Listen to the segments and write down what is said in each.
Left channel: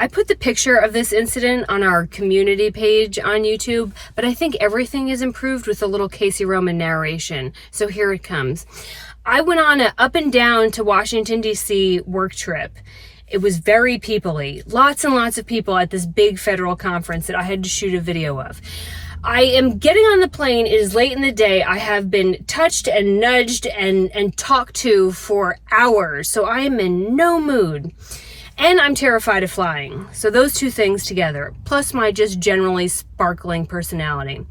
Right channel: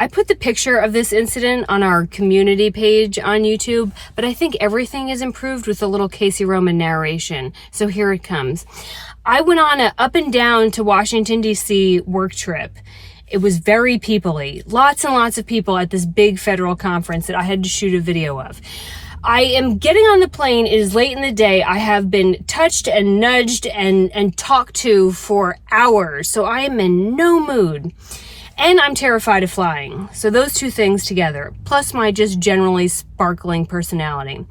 I put the picture of this incident on our community page on YouTube, but I think everything is improved with a little Casey Roman narration. So here it comes. I went on an up and down to Washington, D.C. work trip. It was very people-y. Lots and lots of people at this big federal conference that I had to shoot a video of. I am getting on the plane. It is late in the day. I have been touched and nudged and talked to for hours. So I am in no mood. And I'm terrified of flying. So those two things together, plus my just generally sparkling personality.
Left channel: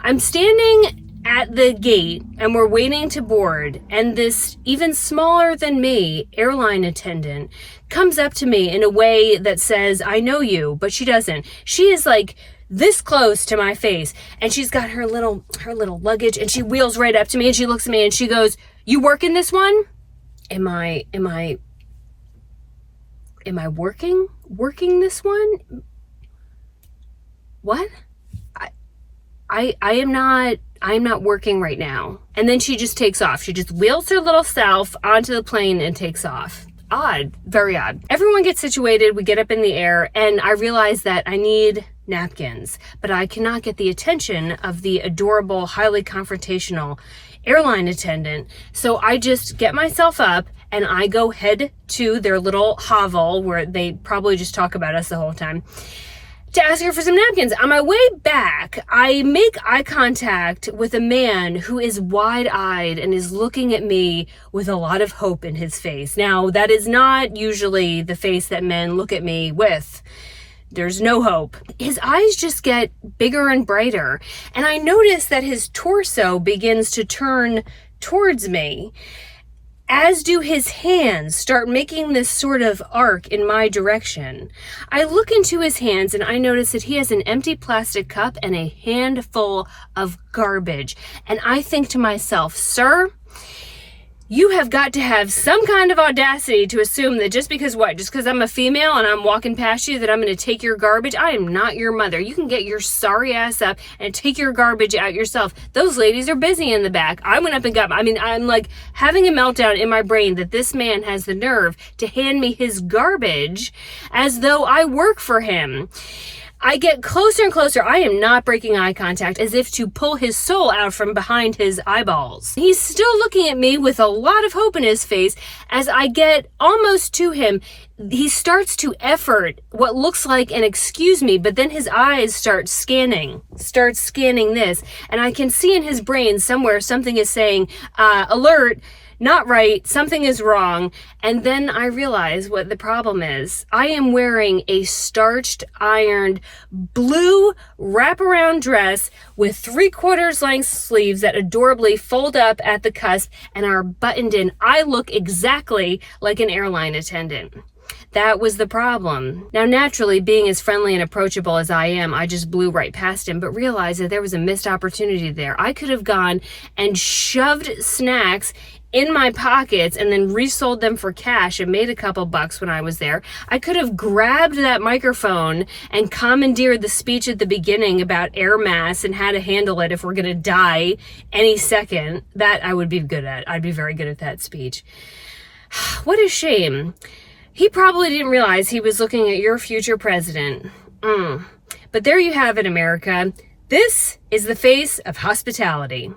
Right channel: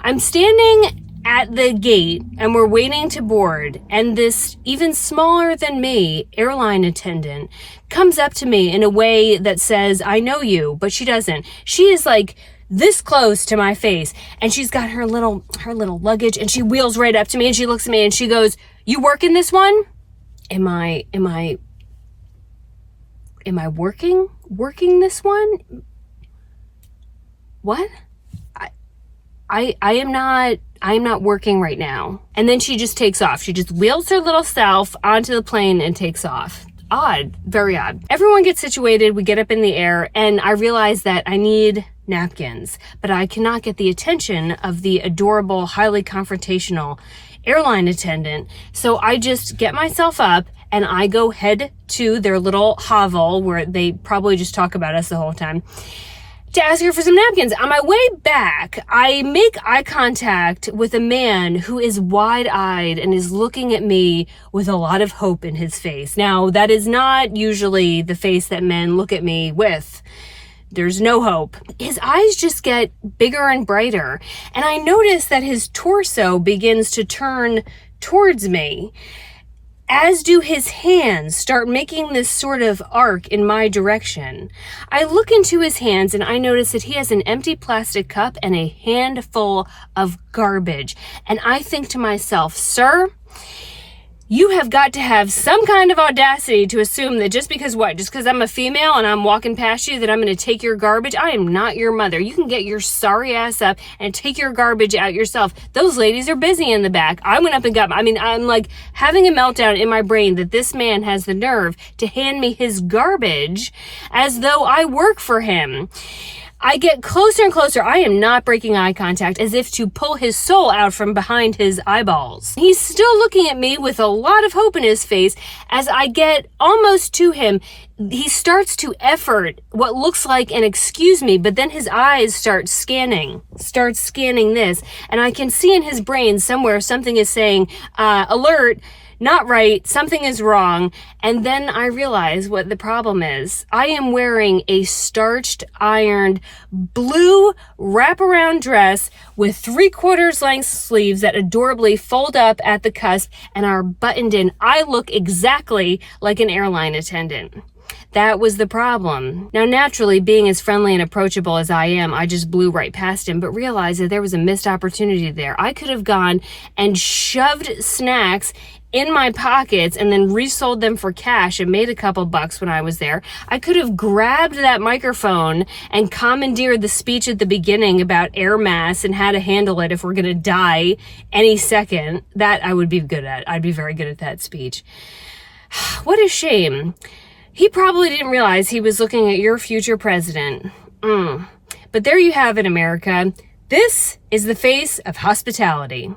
I'm standing at the gate and we're waiting to board, and this even smaller than me airline attendant comes up to me in a way that says, I know you, but she doesn't. She is like this close to my face, and she's got her little luggage, and she wheels right up to me and she looks at me and she goes, you work in this one? Am I working this one? What? I am not working right now. And then she just takes off. She just wheels her little self onto the plane and takes off. Odd, very odd. Everyone gets situated, we get up in the air, and I realize that I need napkins, but I cannot get the attention of the adorable, highly confrontational airline attendant. So I just get myself up and I go head to their little hovel where they probably just talk about us the whole time to ask her for some napkins. On my way back, I make eye contact with a man who is wide-eyed and is looking at me with a lot of hope in his face. Now, that is not usually the face that men look at me with. There's no hope. His eyes just get bigger and brighter, and I notice that his torso begins to turn towards me, as do his hands start making this sort of arc in my direction. I look into his hands and I notice that he has an empty plastic cup and a handful of garbage. And I think to myself, sir, you have got to have some kind of audacity to assume that just because I'm a female and I'm walking past you that I'm going to take your garbage? I am not your mother. You can get your sorry ass up and take your garbage out yourself. Those ladies are busy in the back. I went up and I'm like having a meltdown in my brain that this man has the nerve to hand me his garbage as though I work for him. I get closer and closer. I am not breaking eye contact, as if to pull his soul out from behind his eyeballs. He's still looking at me with a lot of hope in his face. As I get almost to him, he starts to effort what looks like an excuse me, but then his eyes start scanning this, and I can see in his brain somewhere something is saying, alert, not right, something is wrong. And then I realize what the problem is. I am wearing a starched, ironed, blue wraparound dress with 3/4 length sleeves that adorably fold up at the cusp and are buttoned in. I look exactly like an airline attendant. That was the problem. Now, naturally, being as friendly and approachable as I am, I just blew right past him, but realized that there was a missed opportunity there. I could have gone and shoved snacks in my pockets and then resold them for cash and made a couple bucks when I was there. I could have grabbed that microphone and commandeered the speech at the beginning about air mass and how to handle it if we're going to die any second. That I would be good at. I'd be very good at that speech. What a shame. He probably didn't realize he was looking at your future president. But there you have it, America. This is the face of hospitality.